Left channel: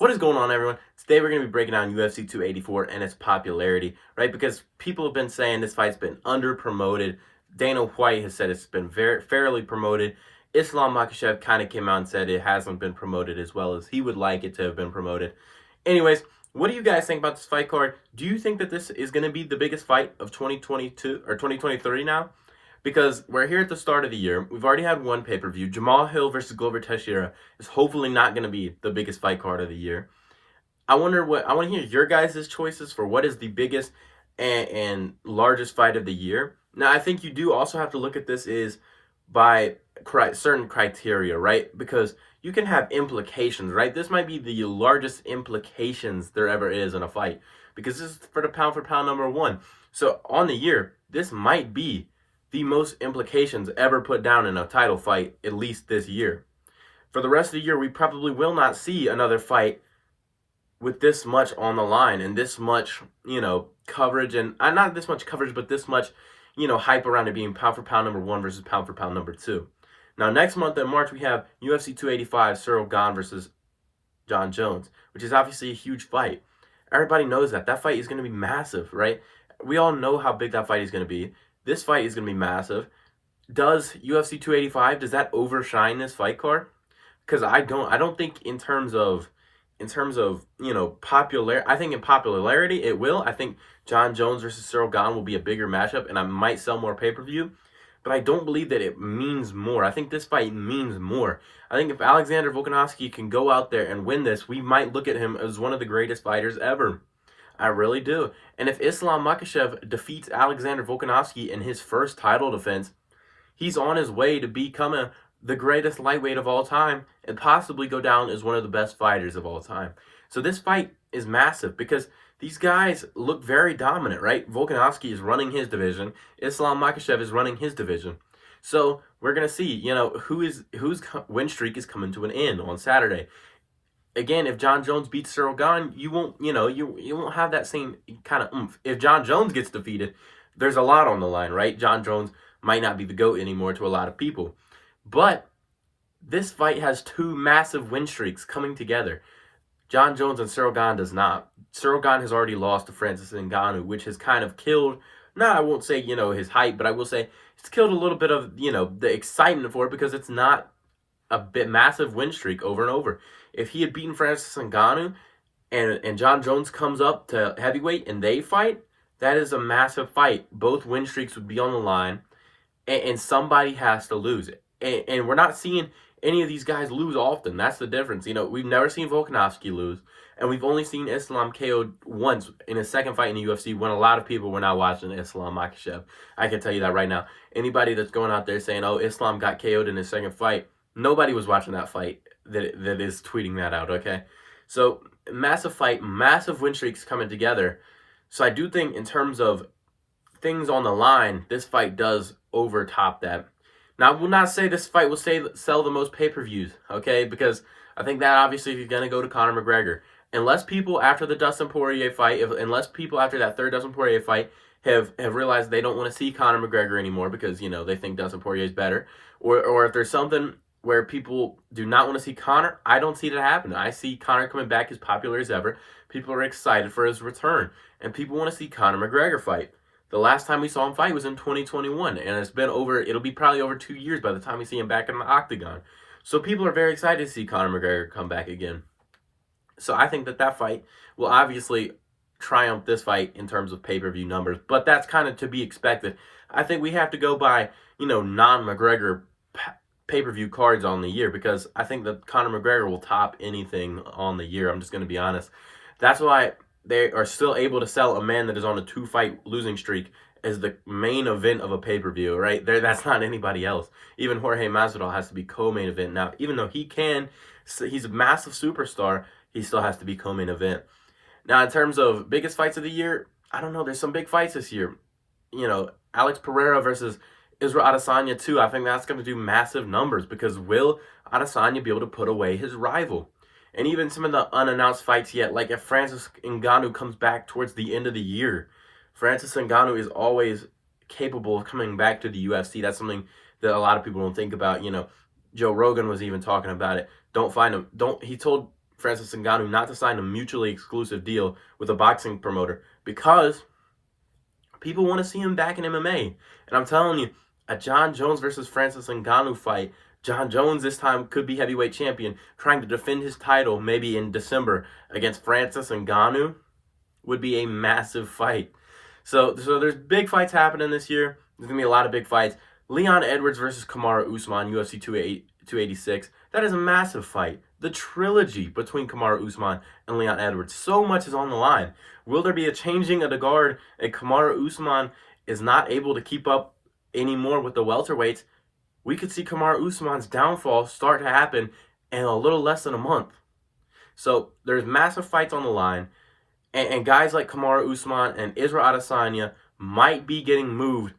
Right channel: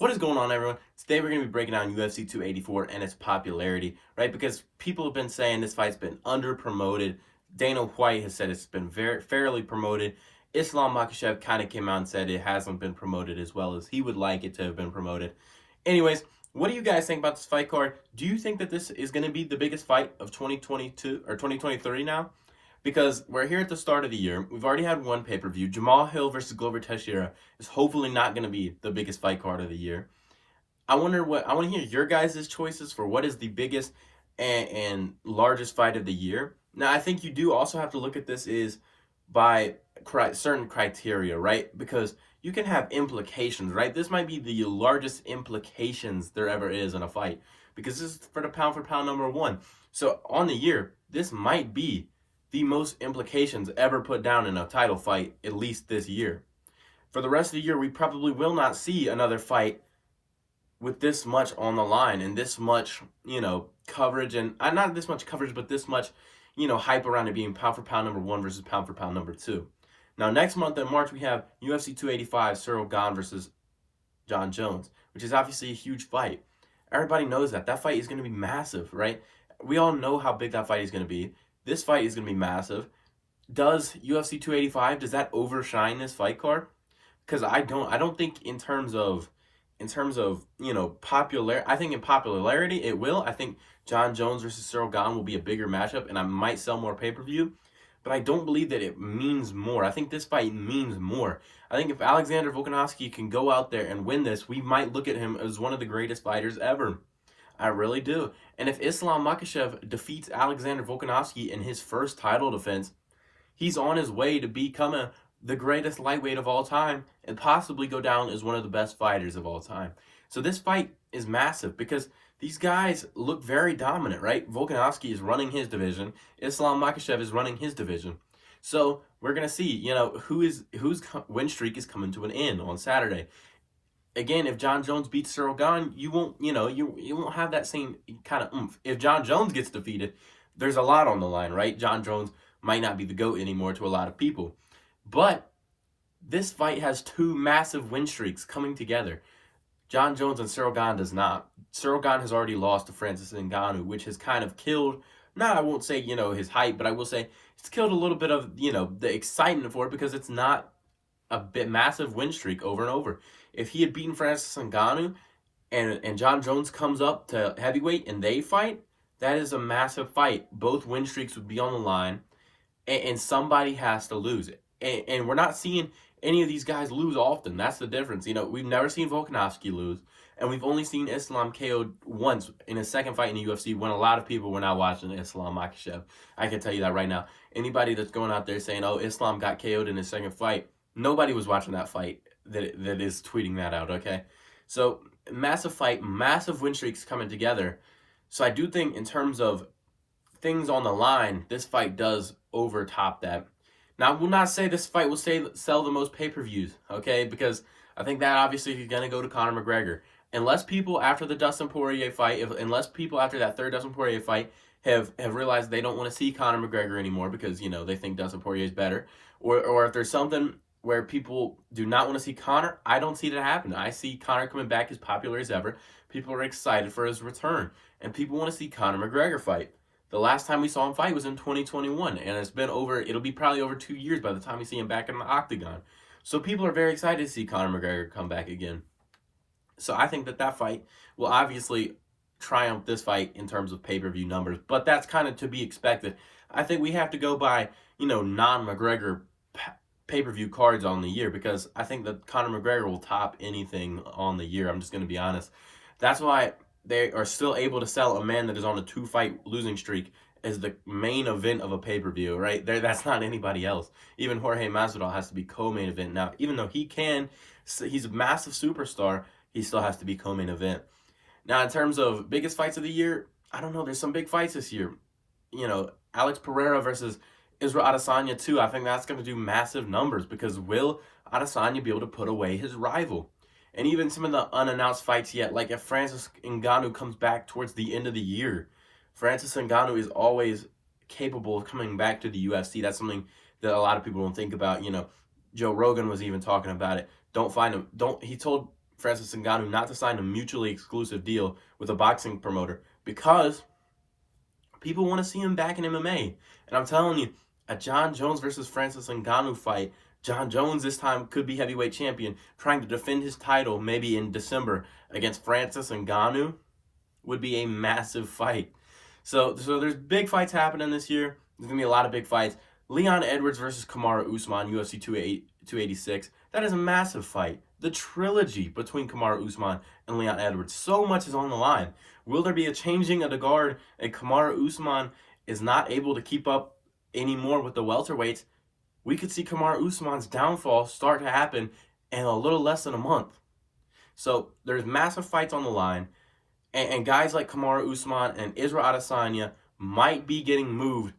What is going on, everyone? Today we're going to be breaking down UFC 284 and its popularity, right? Because people have been saying this fight's been under promoted. Dana White has said it's been very fairly promoted. Islam Makhachev kind of came out and said it hasn't been promoted as well as he would like it to have been promoted. Anyways, what do you guys think about this fight card? Do you think that this is going to be the biggest fight of 2022 or 2023 now? Because we're here at the start of the year. We've already had one pay-per-view. Jamal Hill versus Glover Teixeira is hopefully not going to be the biggest fight card of the year. I want to hear your guys' choices for what is the biggest and largest fight of the year. Now, I think you do also have to look at this is by certain criteria, right? Because you can have implications, right? This might be the largest implications there ever is in a fight because this is for pound number one. So on the year, this might be the most implications ever put down in a title fight, at least this year. For the rest of the year, we probably will not see another fight with this much on the line and this much, coverage, and not this much coverage, but this much, hype around it being pound for pound number one versus pound for pound number two. Now, next month in March, we have UFC 285, Ciryl Gane versus Jon Jones, which is obviously a huge fight. Everybody knows that. That fight is going to be massive, right? We all know how big that fight is going to be. This fight is going to be massive. Does UFC 285, does that overshine this fight card? Because I don't think in terms of popular, I think in popularity it will. I think Jon Jones versus Ciryl Gane will be a bigger matchup and I might sell more pay-per-view, but I don't believe that it means more. I think this fight means more. I think if Alexander Volkanovski can go out there and win this, we might look at him as one of the greatest fighters ever. I really do. And if Islam Makhachev defeats Alexander Volkanovski in his first title defense, he's on his way to becoming the greatest lightweight of all time and possibly go down as one of the best fighters of all time. So this fight is massive because these guys look very dominant, right? Volkanovski is running his division. Islam Makhachev is running his division. So we're going to see, whose win streak is coming to an end on Saturday. Again, if Jon Jones beats Ciryl Gane, you won't, you won't have that same kind of oomph. If Jon Jones gets defeated, there's a lot on the line, right? Jon Jones might not be the GOAT anymore to a lot of people. But this fight has two massive win streaks coming together. Jon Jones and Ciryl Gane does not. Ciryl Gane has already lost to Francis Ngannou, which has kind of killed, I won't say, his hype, but I will say it's killed a little bit of, the excitement for it because it's not a bit massive win streak over and over. If he had beaten Francis Ngannou and Jon Jones comes up to heavyweight and they fight, that is a massive fight. Both win streaks would be on the line, and somebody has to lose it. And we're not seeing any of these guys lose often. That's the difference. We've never seen Volkanovski lose, and we've only seen Islam KO'd once in his second fight in the UFC when a lot of people were not watching Islam Makhachev. I can tell you that right now. Anybody that's going out there saying, oh, Islam got KO'd in his second fight, nobody was watching that fight that is tweeting that out, okay? So, massive fight, massive win streaks coming together. So, I do think in terms of things on the line, this fight does overtop that. Now, I will not say this fight will sell the most pay-per-views, okay? Because I think that obviously if you're going to go to Conor McGregor, unless people after the Dustin Poirier fight, unless people after that third Dustin Poirier fight have realized they don't want to see Conor McGregor anymore because, they think Dustin Poirier is better, or if there's something where people do not want to see Conor, I don't see that happen. I see Conor coming back as popular as ever. People are excited for his return, and people want to see Conor McGregor fight. The last time we saw him fight was in 2021, and it'll be probably over 2 years by the time we see him back in the octagon. So people are very excited to see Conor McGregor come back again. So I think that fight will obviously triumph this fight in terms of pay-per-view numbers, but that's kind of to be expected. I think we have to go by, non-McGregor pay-per-view cards on the year because I think that Conor McGregor will top anything on the year. I'm just going to be honest. That's why they are still able to sell a man that is on a 2-fight losing streak as the main event of a pay-per-view, right? That's not anybody else. Even Jorge Masvidal has to be co-main event. Now, even though he's a massive superstar, he still has to be co-main event. Now, in terms of biggest fights of the year, I don't know. There's some big fights this year. Alex Pereira versus Israel Adesanya too. I think that's going to do massive numbers because will Adesanya be able to put away his rival? And even some of the unannounced fights yet, like if Francis Ngannou comes back towards the end of the year, Francis Ngannou is always capable of coming back to the UFC. That's something that a lot of people don't think about. Joe Rogan was even talking about it. He told Francis Ngannou not to sign a mutually exclusive deal with a boxing promoter because people want to see him back in MMA. And I'm telling you, a Jon Jones versus Francis Ngannou fight, Jon Jones this time could be heavyweight champion, trying to defend his title maybe in December against Francis Ngannou would be a massive fight. So there's big fights happening this year. There's going to be a lot of big fights. Leon Edwards versus Kamaru Usman, UFC 286. That is a massive fight. The trilogy between Kamaru Usman and Leon Edwards. So much is on the line. Will there be a changing of the guard and Kamaru Usman is not able to keep up anymore with the welterweights? We could see Kamaru Usman's downfall start to happen in a little less than a month. So there's massive fights on the line. And guys like Kamaru Usman and Israel Adesanya might be getting moved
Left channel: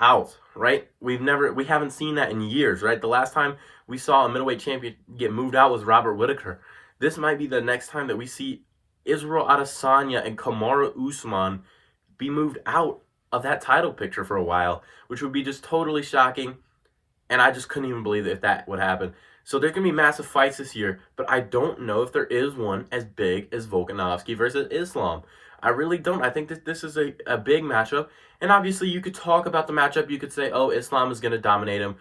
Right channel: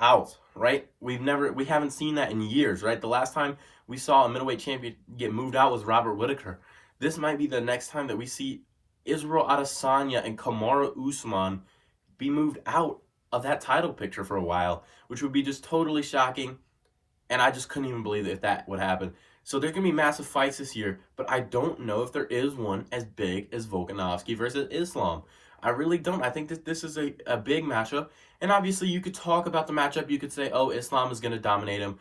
out, right? We haven't seen that in years, right? The last time we saw a middleweight champion get moved out was Robert Whittaker. This might be the next time that we see Israel Adesanya and Kamaru Usman be moved out of that title picture for a while, which would be just totally shocking. And I just couldn't even believe if that would happen. So there's going to be massive fights this year, but I don't know if there is one as big as Volkanovski versus Islam. I really don't. I think that this is a big matchup. And obviously you could talk about the matchup. You could say, oh, Islam is going to dominate him.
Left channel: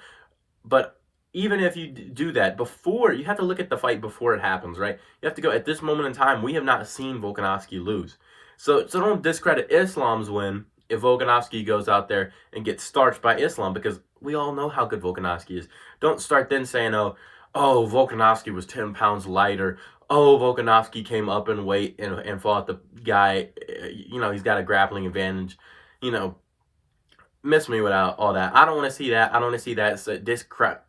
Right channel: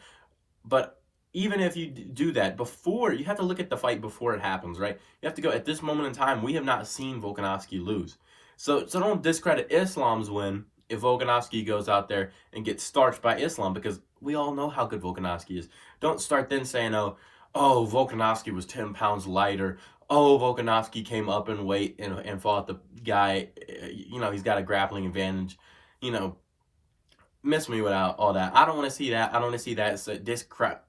But even if you do that, you have to look at the fight before it happens, right? You have to go, at this moment in time, we have not seen Volkanovski lose. So don't discredit Islam's win if Volkanovski goes out there and gets starched by Islam, because we all know how good Volkanovski is. Don't start then saying, oh, Volkanovski was 10 pounds lighter. Oh, Volkanovski came up in weight and fought the guy. He's got a grappling advantage. Miss me without all that. I don't want to see that. I don't want to see that. It's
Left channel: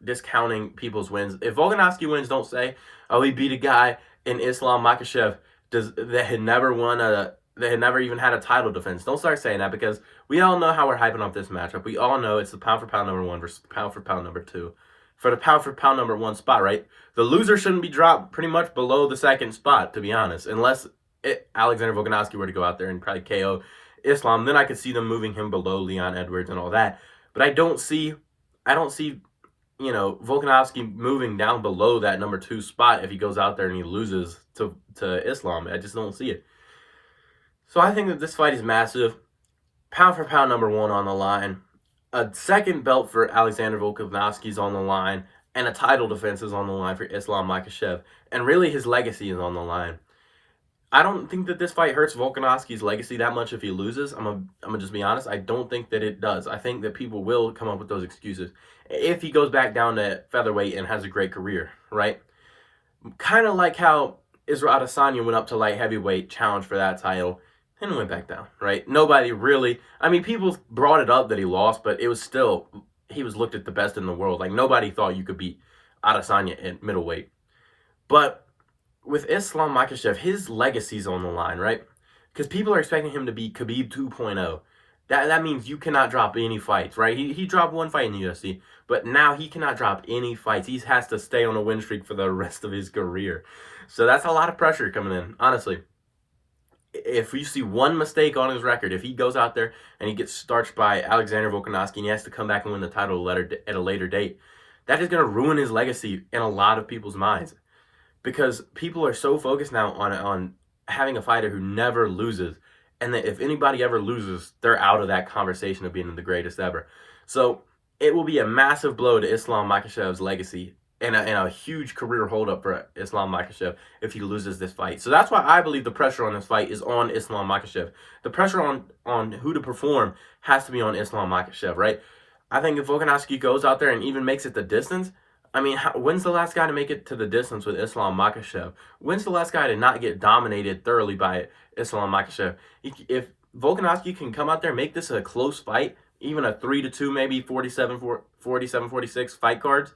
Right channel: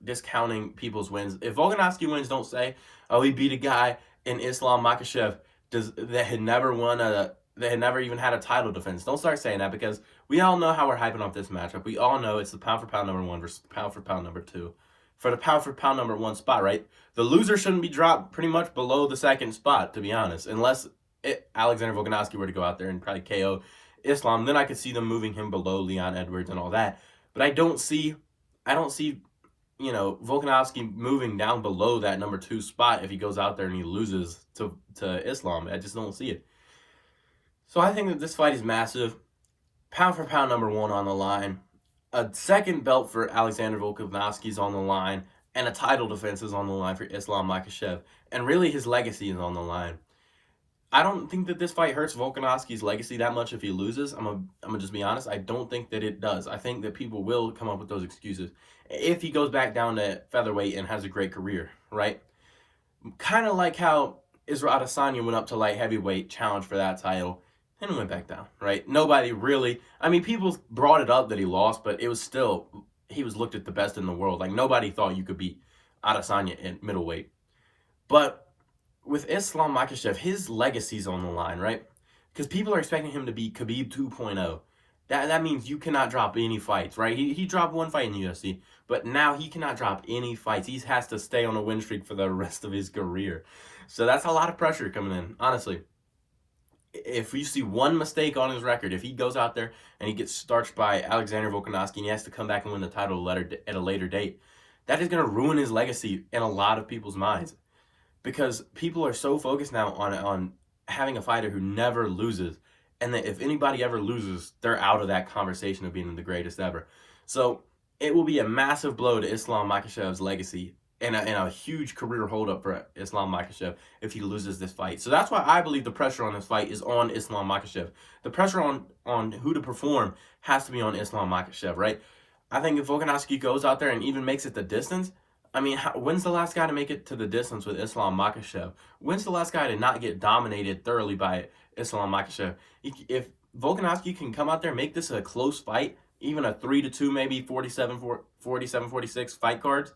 discounting people's wins. If Volkanovski wins, don't say, oh, he beat a guy in Islam Makhachev that had never even had a title defense. Don't start saying that, because we all know how we're hyping up this matchup. We all know it's the pound for pound number 1 versus the pound for pound number 2. For the pound for pound number 1 spot, right? The loser shouldn't be dropped pretty much below the second spot, to be honest. Unless Alexander Volkanovski were to go out there and probably KO Islam, then I could see them moving him below Leon Edwards and all that. But I don't see Volkanovski moving down below that number 2 spot if he goes out there and he loses to Islam. I just don't see it. So I think that this fight is massive. Pound for pound number 1 on the line. A second belt for Alexander Volkanovski is on the line, and a title defense is on the line for Islam Makhachev. And really, his legacy is on the line. I don't think that this fight hurts Volkanovski's legacy that much if he loses. I'm gonna just be honest. I don't think that it does. I think that people will come up with those excuses if he goes back down to featherweight and has a great career, right? Kind of like how Israel Adesanya went up to light heavyweight, challenged for that title, and went back down, right? Nobody really, people brought it up that he lost, but it was still, he was looked at the best in the world. Like, nobody thought you could beat Adesanya at middleweight. But with Islam Makhachev, his legacy's on the line, right? Because people are expecting him to be Khabib 2.0. That means you cannot drop any fights, right? He dropped 1 fight in the UFC, but now he cannot drop any fights. He has to stay on a win streak for the rest of his career. So that's a lot of pressure coming in, honestly. If you see one mistake on his record, if he goes out there and he gets starched by Alexander Volkanovski and he has to come back and win the title at a later date, that is going to ruin his legacy in a lot of people's minds. Because people are so focused now on having a fighter who never loses, and that if anybody ever loses, they're out of that conversation of being the greatest ever. So it will be a massive blow to Islam Makhachev's legacy and a huge career holdup for Islam Makhachev if he loses this fight. So that's why I believe the pressure on this fight is on Islam Makhachev. The pressure on who to perform has to be on Islam Makhachev, right? I think if Volkanovski goes out there and even makes it the distance, when's the last guy to make it to the distance with Islam Makhachev? When's the last guy to not get dominated thoroughly by Islam Makhachev? If Volkanovski can come out there and make this a close fight, even a 3-2, maybe 47-46 fight cards,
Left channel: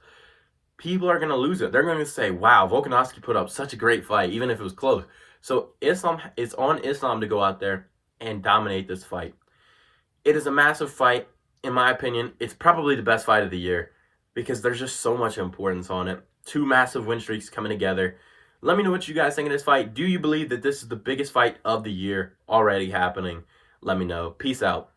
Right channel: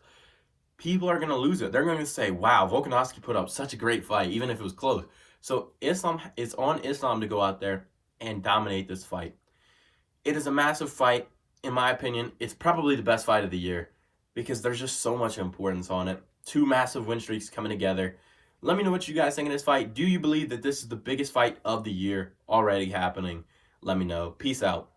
people are going to lose it. They're going to say, wow, Volkanovski put up such a great fight, even if it was close. So it's on Islam to go out there and dominate this fight. It is a massive fight, in my opinion. It's probably the best fight of the year because there's just so much importance on it. 2 massive win streaks coming together. Let me know what you guys think of this fight. Do you believe that this is the biggest fight of the year already happening? Let me know. Peace out.